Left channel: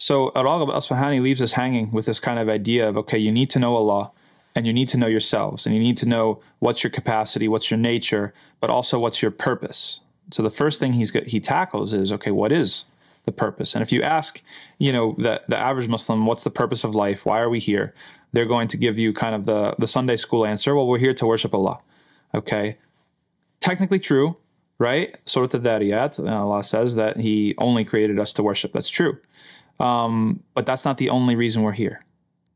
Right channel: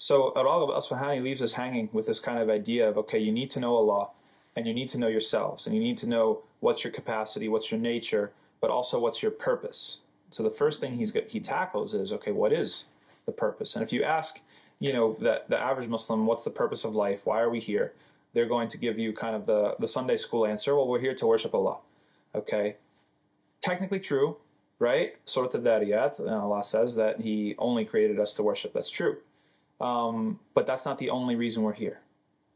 So Rhagib al-Isfahani leaves us hanging with this kind of idea of, okay, you need to know Allah, and you need to know yourselves, and you need to know what's your capacity, what's your nature, but also what's your purpose. So the first thing he tackles is, okay, what is the purpose? And if you ask, the average Muslim, what's the purpose of life? Why are we here? They're going to give you kind of the Sunday school answer. Well, we're here to worship Allah. Okay, technically true, right? Surah Al-Dhariyat, Allah says that He only created us to worship. That's true. But that's not the only reason we're here.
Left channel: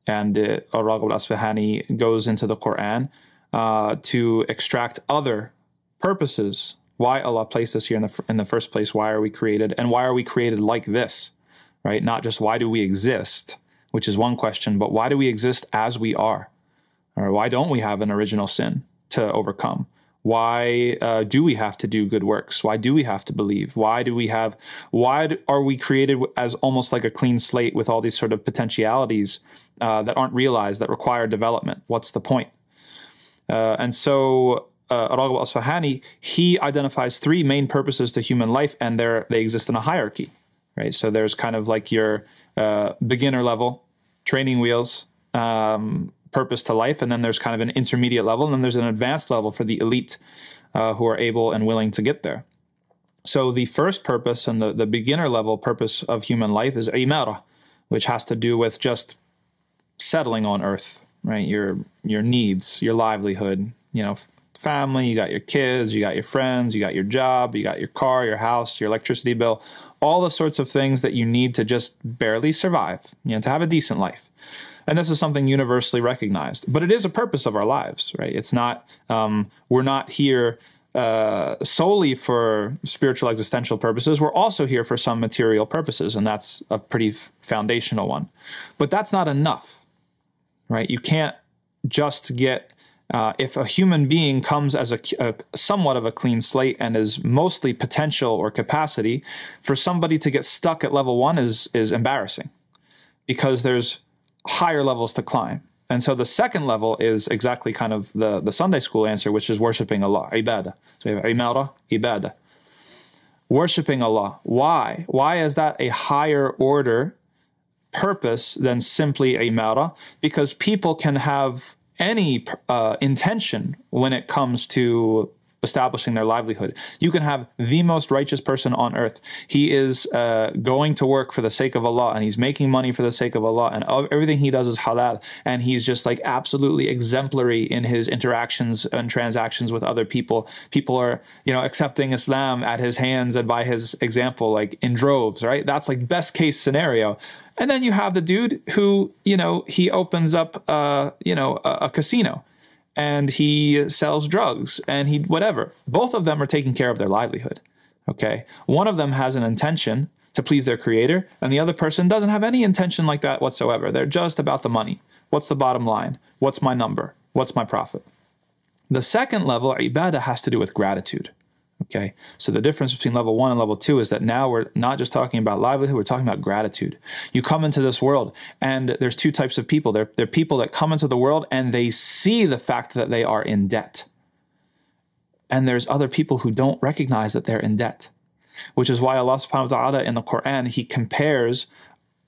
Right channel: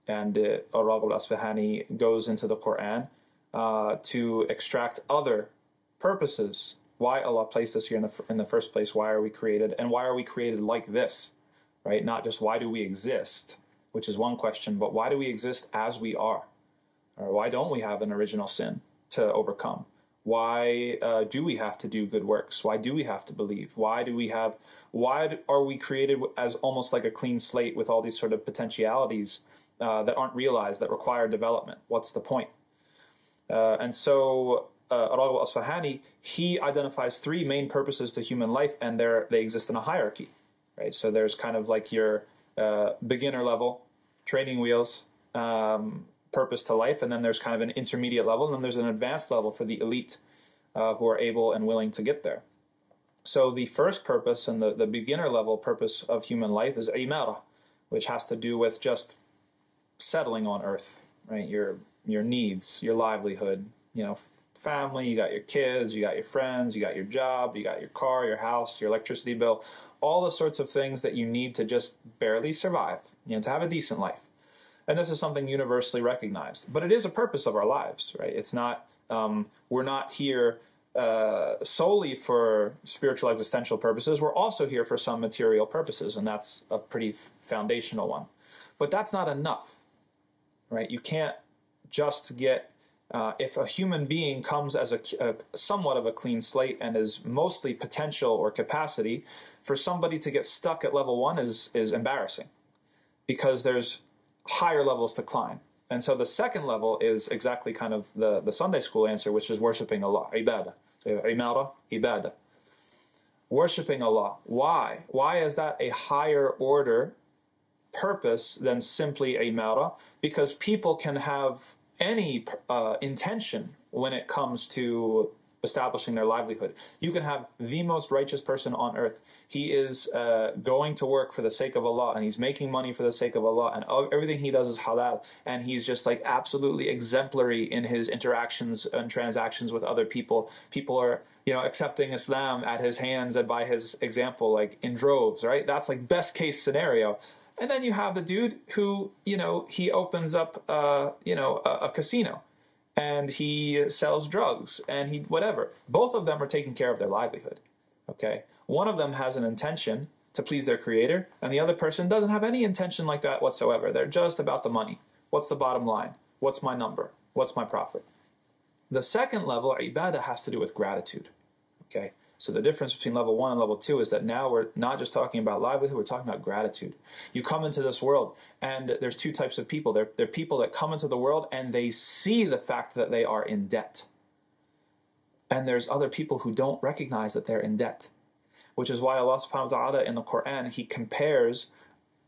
And Rhagib al-Isfahani goes into the Quran to extract other purposes. Why Allah placed us here in the first place? Why are we created? And why are we created like this? Right? Not just why do we exist, which is one question, but why do we exist as we are? Or why don't we have an original sin to overcome? Why do we have to do good works? Why do we have to believe? Why are we created as almost like a clean slate with all these sort of potentialities that aren't realized, that require development? What's the point? And so Rhagib al-Isfahani, he identifies three main purposes to human life, and they exist in a hierarchy, right? So there's kind of like your beginner level, training wheels, purpose to life, and then there's kind of an intermediate level, and then there's an advanced level for the elite who are able and willing to get there. So the first purpose and the beginner level purpose of human life is imara, which has to do with just settling on earth, right? Your needs, your livelihood, family, you got your kids, you got your friends, you got your job, you got your car, your house, your electricity bill, all the sorts of things that you need to just barely survive, to have a decent life. And this is something universally recognized, but it is a purpose of our lives, right? It's not, we're not here solely for spiritual existential purposes. We're also here for some material purposes, and that's a pretty foundational one. But that's not enough, right? You can't just get, if a human being comes as a somewhat of a clean slate and is mostly potential or capacity, for somebody to get stuck at level one is embarrassing, because there's higher levels to climb. And so the second level is exactly kind of the Sunday school answer, which is worshiping Allah, ibadah. So you have imara, ibadah. Worshiping Allah. Why? Why is that a higher order purpose than simply imara? Because people can have any intention when it comes to establishing their livelihood. You can have the most righteous person on earth. He is going to work for the sake of Allah, and he's making money for the sake of Allah, and everything he does is halal, and he's just like absolutely exemplary in his interactions and transactions with other people. People are, accepting Islam at his hands and by his example, like in droves, right? That's like best case scenario. And then you have the dude who, he opens up, a casino, and he sells drugs, and whatever. Both of them are taking care of their livelihood, okay? One of them has an intention to please their creator, and the other person doesn't have any intention like that whatsoever. They're just about the money. What's the bottom line? What's my number? What's my profit? The second level, ibadah, has to do with gratitude, okay? So the difference between level 1 and level 2 is that now we're not just talking about livelihood, we're talking about gratitude. You come into this world, and there's two types of people. There are people that come into the world and they see the fact that they are in debt. And there's other people who don't recognize that they're in debt, which is why Allah subhanahu wa ta'ala in the Quran, He compares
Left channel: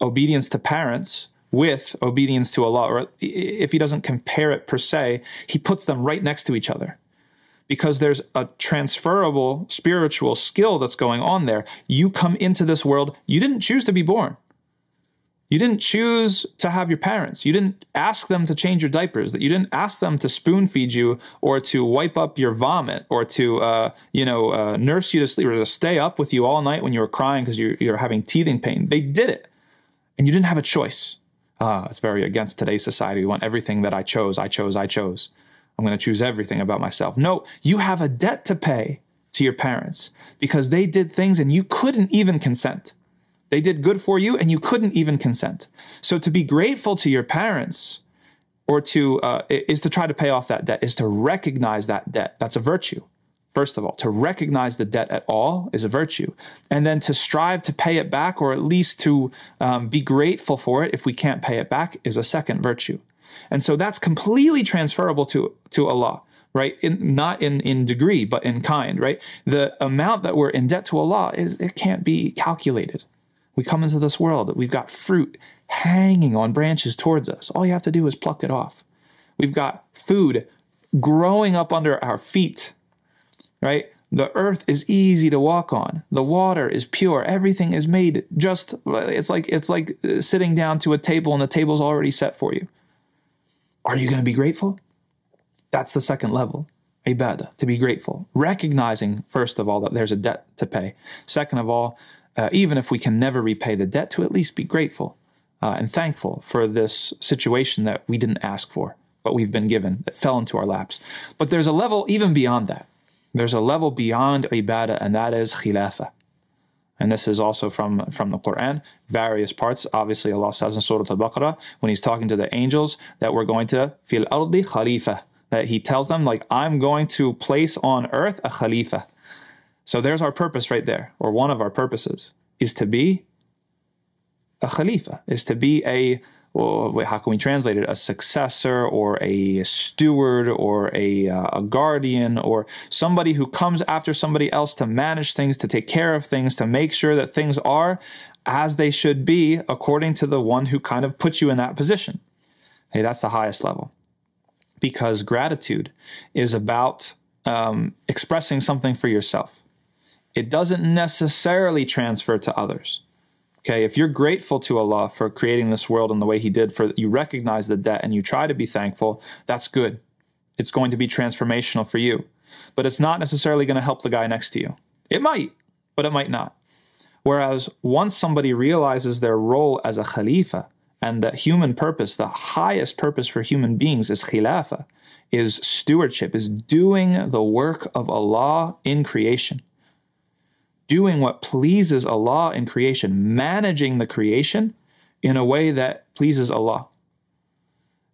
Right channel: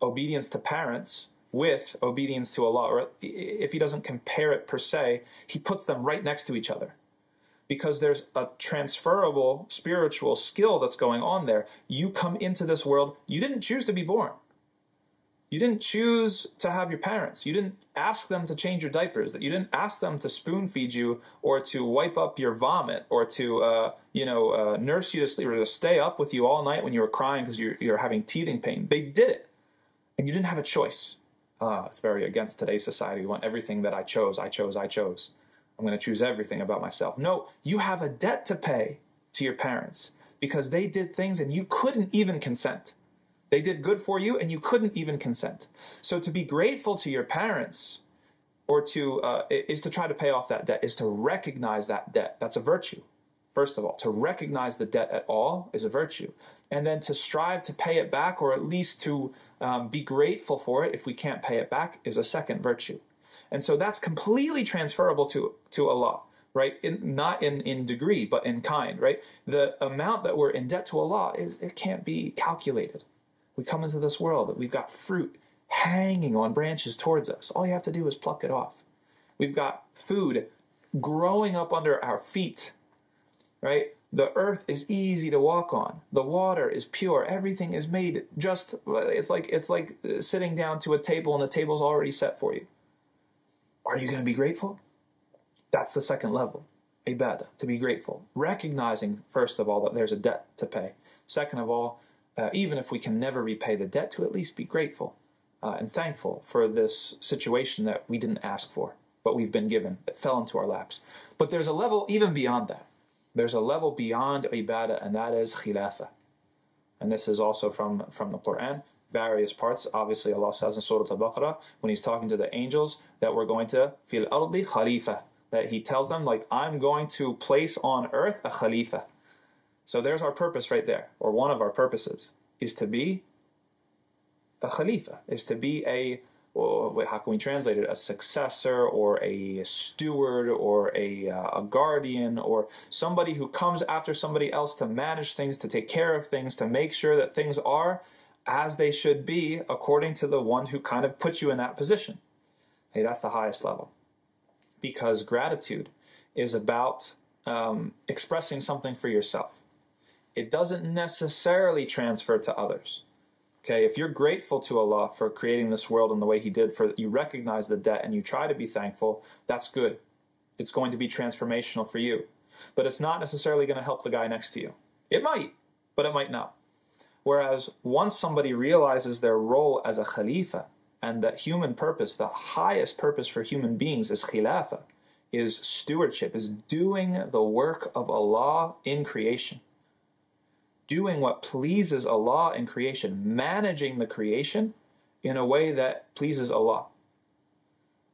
obedience to parents with obedience to Allah. Or if He doesn't compare it per se, He puts them right next to each other, because there's a transferable spiritual skill that's going on there. You come into this world, you didn't choose to be born. You didn't choose to have your parents. You didn't ask them to change your diapers. That you didn't ask them to spoon feed you, or to wipe up your vomit, or to nurse you to sleep, or to stay up with you all night when you were crying because you're having teething pain. They did it, and you didn't have a choice. It's very against today's society. We want everything that I chose. I'm going to choose everything about myself. No, you have a debt to pay to your parents, because they did things and you couldn't even consent. They did good for you and you couldn't even consent. So to be grateful to your parents, or is to try to pay off that debt, is to recognize that debt. That's a virtue. First of all, to recognize the debt at all is a virtue. And then to strive to pay it back, or at least to be grateful for it if we can't pay it back, is a second virtue. And so that's completely transferable to Allah, right? Not in degree, but in kind, right? The amount that we're in debt to Allah it can't be calculated. We come into this world, we've got fruit hanging on branches towards us. All you have to do is pluck it off. We've got food growing up under our feet, right? The earth is easy to walk on. The water is pure. Everything is made just, it's like sitting down to a table and the table's already set for you. Are you going to be grateful? That's the second level. Ibadah, to be grateful. Recognizing, first of all, that there's a debt to pay. Second of all, even if we can never repay the debt, to at least be grateful and thankful for this situation that we didn't ask for, but we've been given, that fell into our laps. But there's a level even beyond that. There's a level beyond ibadah, and that is khilafah. And this is also from the Quran, various parts. Obviously, Allah says in Surah Al-Baqarah, when He's talking to the angels, that we're going to fil ardi khalifa, that He tells them, like, I'm going to place on earth a khalifa. So there's our purpose right there, or one of our purposes, is to be a khalifa, is to be a, well, how can we translate it? A successor, or a steward, or a guardian, or somebody who comes after somebody else to manage things, to take care of things, to make sure that things are as they should be according to the one who kind of put you in that position. Hey, that's the highest level. Because gratitude is about expressing something for yourself. It doesn't necessarily transfer to others. Okay, if you're grateful to Allah for creating this world in the way He did, for you recognize the debt and you try to be thankful, that's good. It's going to be transformational for you. But it's not necessarily going to help the guy next to you. It might, but it might not. Whereas once somebody realizes their role as a khalifa, and that human purpose, the highest purpose for human beings is khilafah, is stewardship, is doing the work of Allah in creation. Doing what pleases Allah in creation, managing the creation in a way that pleases Allah.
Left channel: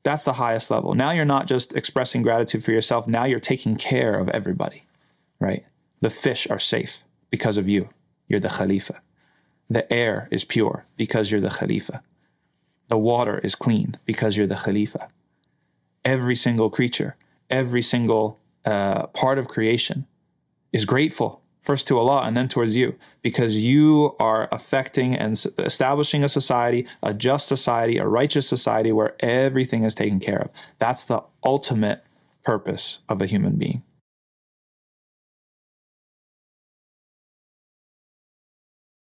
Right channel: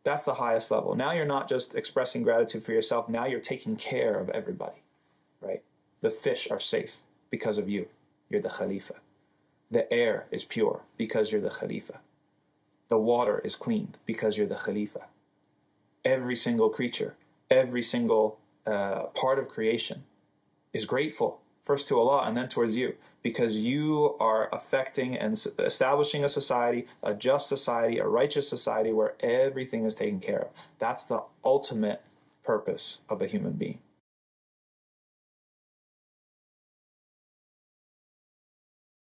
That's the highest level. Now you're not just expressing gratitude for yourself, now you're taking care of everybody, right? The fish are safe because of you. You're the Khalifa. The air is pure because you're the Khalifa. The water is clean because you're the Khalifa. Every single creature, every single part of creation is grateful, first to Allah and then towards you, because you are affecting and establishing a society, a just society, a righteous society where everything is taken care of. That's the ultimate purpose of a human being.